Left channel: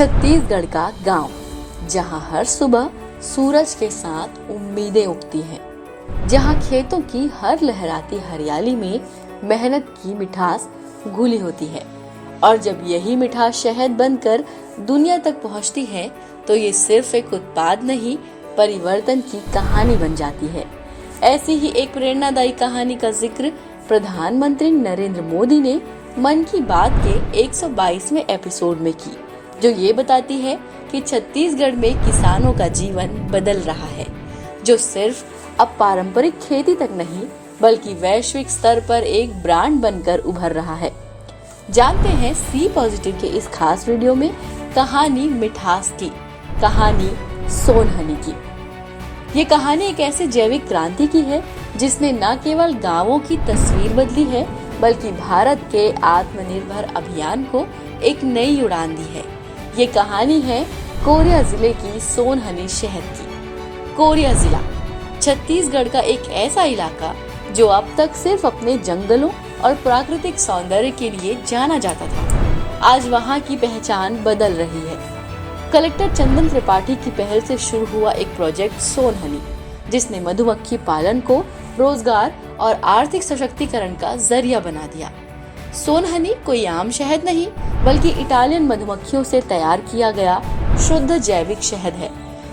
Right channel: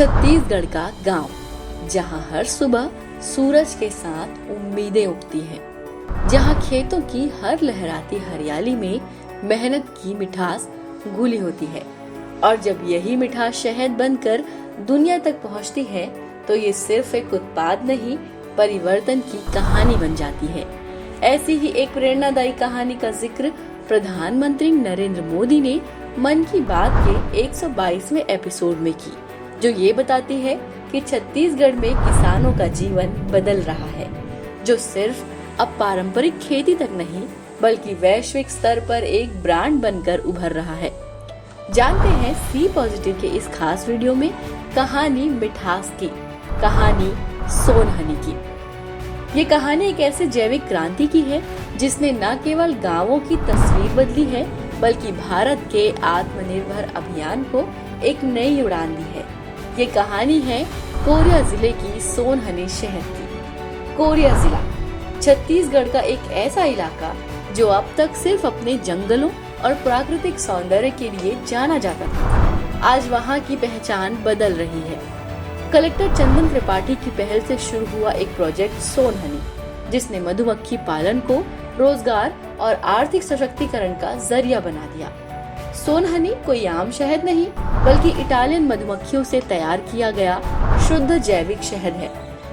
छत्तीसगढ़ का गांव, जहां हर सुबह सूरज के साथ उम्मीदें उगती हैं, जहां खेतों की हर लहराती हरियाली में मेहनत की मिठास घुली होती है, और जब यही मिठास शहद बनकर दुनिया तक पहुंचती है तो ये सिर्फ एक उत्पाद नहीं, परिवर्तन की कहानी बन जाती है। ऐसी ही एक प्रेरणादायी कहानी का जिक्र प्रधानमंत्री नरेंद्र मोदी ने मन की बात के 122वें एपिसोड में की, जो ये बताती है कि छत्तीसगढ़ में किसानों का जीवन बदल रहा है, जो सिर्फ अब पारंपरिक खेती तक नहीं बल्कि वैश्विक स्तर पर एक ब्रांड बनकर उभर रहा है। जानते हैं सी पॉजिटिव के इस खास वीडियो में कहानी मिठास की, कहानी सोनहनी की। ये कहानी एक ऐसे जैविक क्रांति की है जिसने न केवल गांवों की तस्वीर बदली है बल्कि भारत के आत्मनिर्भर अभियान को एक नई उड़ान दी है। ये कहानी है कोरिया जिले की सोनहनी शहद की। कोरिया जिला छत्तीसगढ़ का एक ऐसा इलाका जो अब तक सिर्फ अपने जंगलों और प्राकृतिक सौंदर्य के लिए जाना जाता था, आज वहाँ की पहचान बदल रही है। कलेक्टर चंदन त्रिपाठी की पहल से शुरू हुआ एक प्रोजेक्ट सोनहनी, जिसने मधुमक्खी पालन को रोजगार और आर्थिक सशक्तिकरण का जरिया बना दिया। सोनहनी कोई आम शहद नहीं बल्कि इटालियन मधुमक्खियों से तैयार किया गया शुद्ध जैविक शहद है,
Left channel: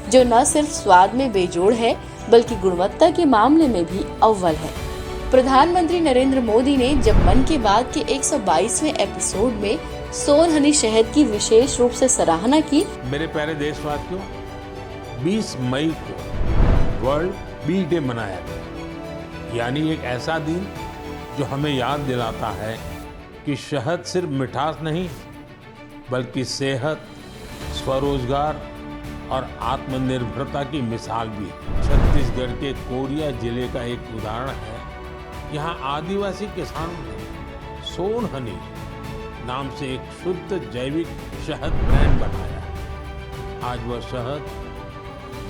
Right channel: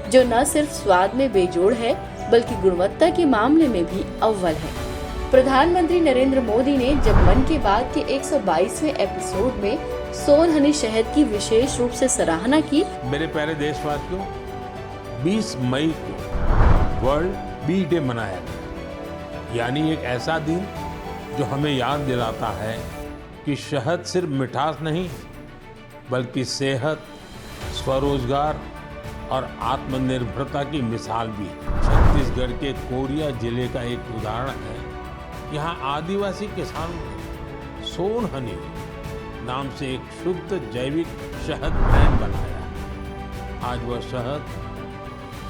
जो न सिर्फ स्वाद में बेजोड़ है बल्कि गुणवत्ता के मामले में भी अव्वल है। प्रधानमंत्री नरेंद्र मोदी ने जब मन की बात के 122वें एपिसोड में सोनहनी शहद की विशेष रूप से सराहना की। मेरे प्यारे देशवासियों, 20 मई को वर्ल्ड बी डे मनाया गया, यानी एक ऐसा दिन जो हमें याद दिलाता है कि शहद सिर्फ मिठास नहीं बल्कि सेहत, स्वरोजगार और आत्मनिर्भरता की मिसाल भी है। छत्तीसगढ़ के कोरिया जिले का एक उदाहरण है। यहाँ आदिवासी किसानों ने सोनहनी नाम से एक शुद्ध जैविक शहद ब्रांड बनाया है। आज वह शहद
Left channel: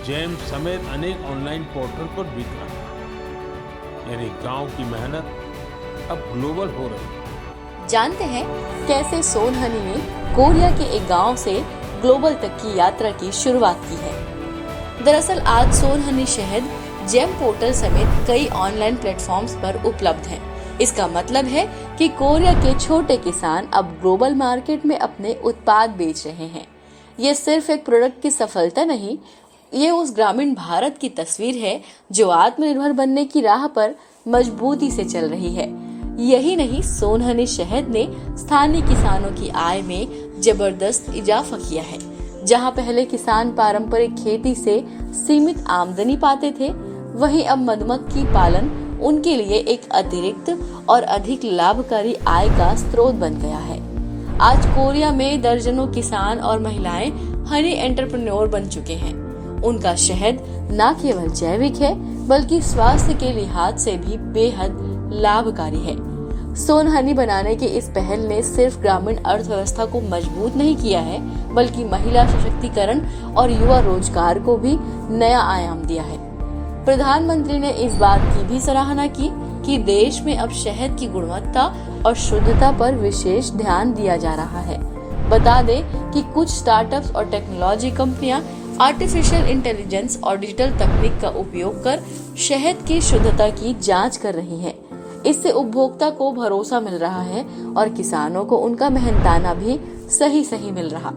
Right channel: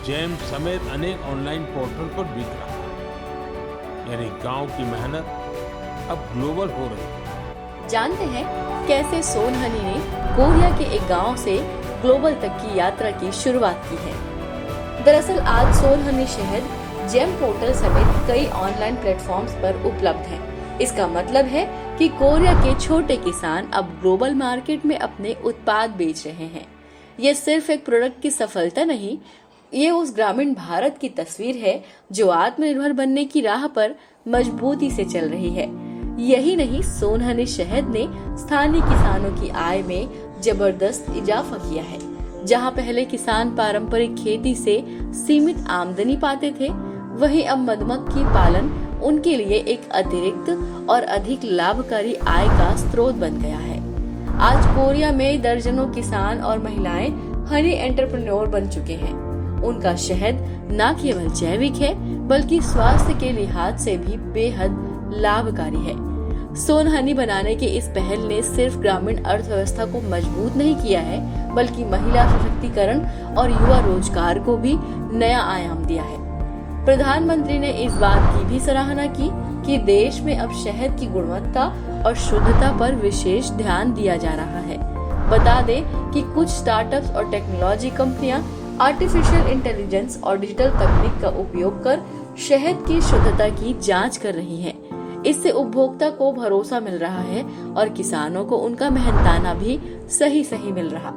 जैम समेत अनेक ऑनलाइन पोर्टल पर बिक रहा है, यानी गांव की मेहनत अब ग्लोबल हो रही है। जानते हैं कैसे सोनहनी ने कोरिया के एक गांव से ग्लोबल तक की यात्रा की शुरुआत की है। दरअसल आज सोनहनी शहद जेम पोर्टल समेत कई ऑनलाइन प्लेटफॉर्म्स पर उपलब्ध है। इसका मतलब है कि कोरिया के छोटे किसान अब ग्लोबल मार्केट में अपने उत्पाद बेच रहे हैं। ये सिर्फ एक प्रोडक्ट की सफलता नहीं, ये उस ग्रामीण भारत की तस्वीर है जो आत्मनिर्भर बनने की राह पर मजबूती से चल रही है। यही नहीं, सोनहनी शहद ने स्थानीय किसानों की आय में जबरदस्त इजाफा किया है। जहां पहले किसान पारंपरिक खेती से सीमित आमदनी पाते थे, वहीं अब मधुमक्खी पालन उनके लिए एक अतिरिक्त और अधिक लाभकारी आय का स्रोत बन गया है। आज कोरिया में दर्जनों किसान और महिलाएं हनी एंटरप्रेन्योर बन चुके हैं। उनका शहद न केवल जैविक है बल्कि स्वास्थ्य के लिहाज से भी बेहद लाभकारी है। सोनहनी बनाने की इस पहल ने सिर्फ ग्रामीण अर्थव्यवस्था को मजबूत नहीं किया है बल्कि महिला सशक्तिकरण और युवा रोजगार को भी नया आयाम दिया है। प्रधानमंत्री ने इस बात की भी सराहना की कि देश में अब शहद की गुणवत्ता और शुद्धता पर विशेष ध्यान दिया जा रहा है। बता दें कि कुछ स्टार्टअप्स और टेक्नोलॉजी कंपनियां आर्टिफिशियल इंटेलिजेंस और डिजिटल तकनीक का उपयोग कर शहद की शुद्धता की जांच कर रही हैं। इससे उपभोक्ता को भरोसा मिल रहा है और किसानों को उनका मेहनताना भी सही मिल रहा।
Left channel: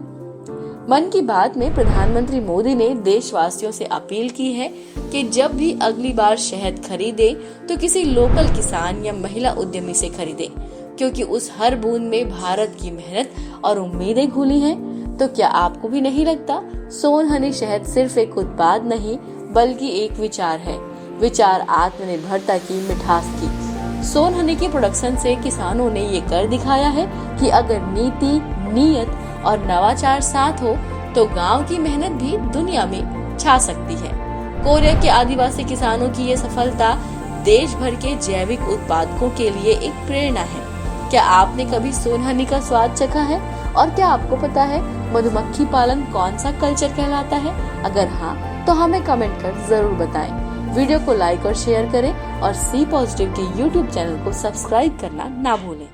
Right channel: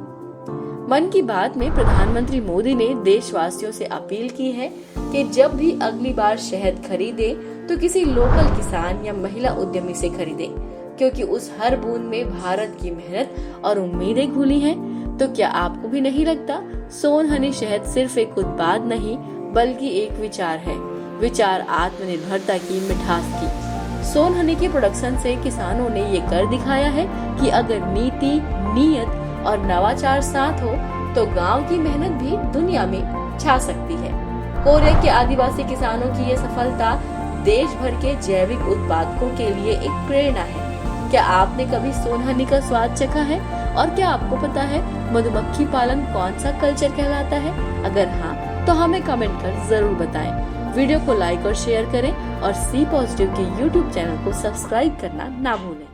मन की बात में प्रधानमंत्री मोदी ने देशवासियों से अपील की है कि जब भी अगली बार शहद खरीदे तो किसी लोकल किसान या महिला उद्यमी से खरीदे, क्योंकि उस हर बूंद में भारत की मेहनत और उम्मीदें घुली हैं। तो क्या आपको भी नहीं लगता सोनहनी शहद सिर्फ एक उत्पाद नहीं बल्कि एक विचार है, विचार आत्मनिर्भरता की, मिठास की। सोनहनी की प्रोडक्शन से किसानों ने ये कर दिखाया है कि अगर नीति, नीयत और नवाचार साथ हो तो गांव की मेहनत भी दुनिया में छा सकती है। कोरिया के आदिवासी किसानों की ये सफलता देश भर के जैविक उत्पादकों के लिए एक प्रेरणा है। क्या आपने कभी सोनहनी का स्वाद चखा है? और क्या आपको पता है मधुमक्खी पालन कौन सा कल्चर कहलाता है? अगर हाँ तो हमें कमेंट कर जरूर बताएं। वीडियो को लाइक और शेयर करें और सी पॉजिटिव के YouTube चैनल को सब्सक्राइब करना ना भूलें।